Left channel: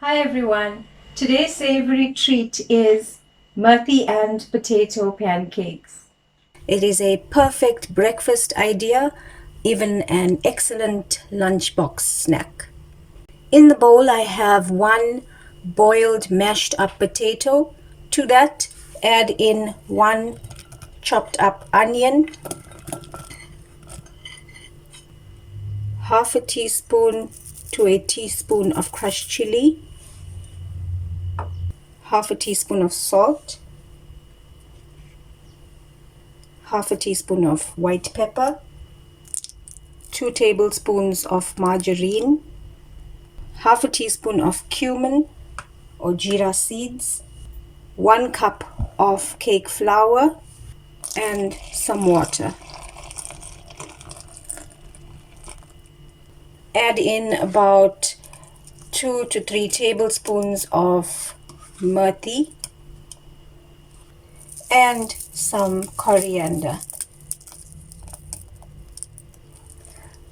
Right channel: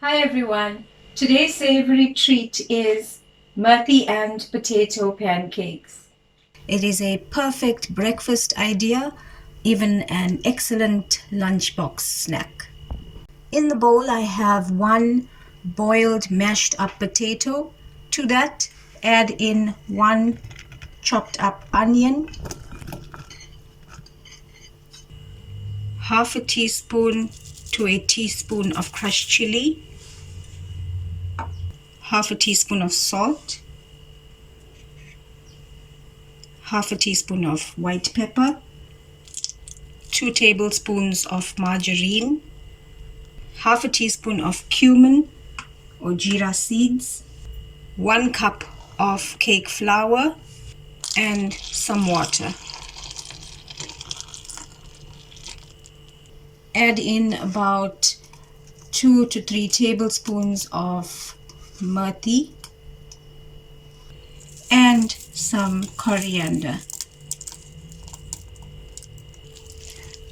Hi everyone. Today's savory treat is Methi and potato pancakes. It is a perfect breakfast idea, even an excellent lunchbox snack. In the bowl, I have one boiled mashed up potato. To that, add in one chopped up onion, half a teaspoon to a teaspoon of crushed chili, half a teaspoon of salt, half a teaspoon of white pepper, 2 tablespoons of margarine, half a teaspoon of cumin or Jeera seeds, 1 cup of cake flour, and some water. Add in about 2 to 3 tablespoons of methi and some coriander.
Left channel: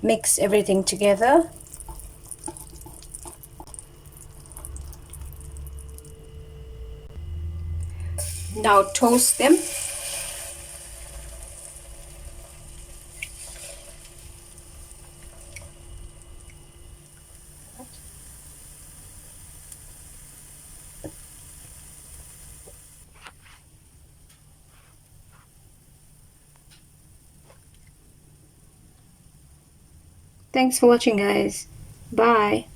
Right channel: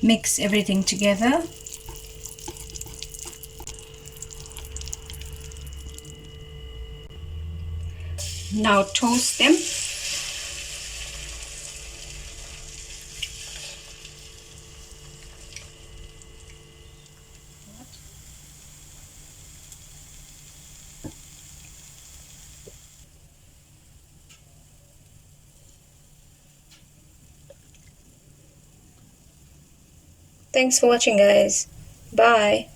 Mix everything together. Now toast them. Thanks for watching, guys. Bye.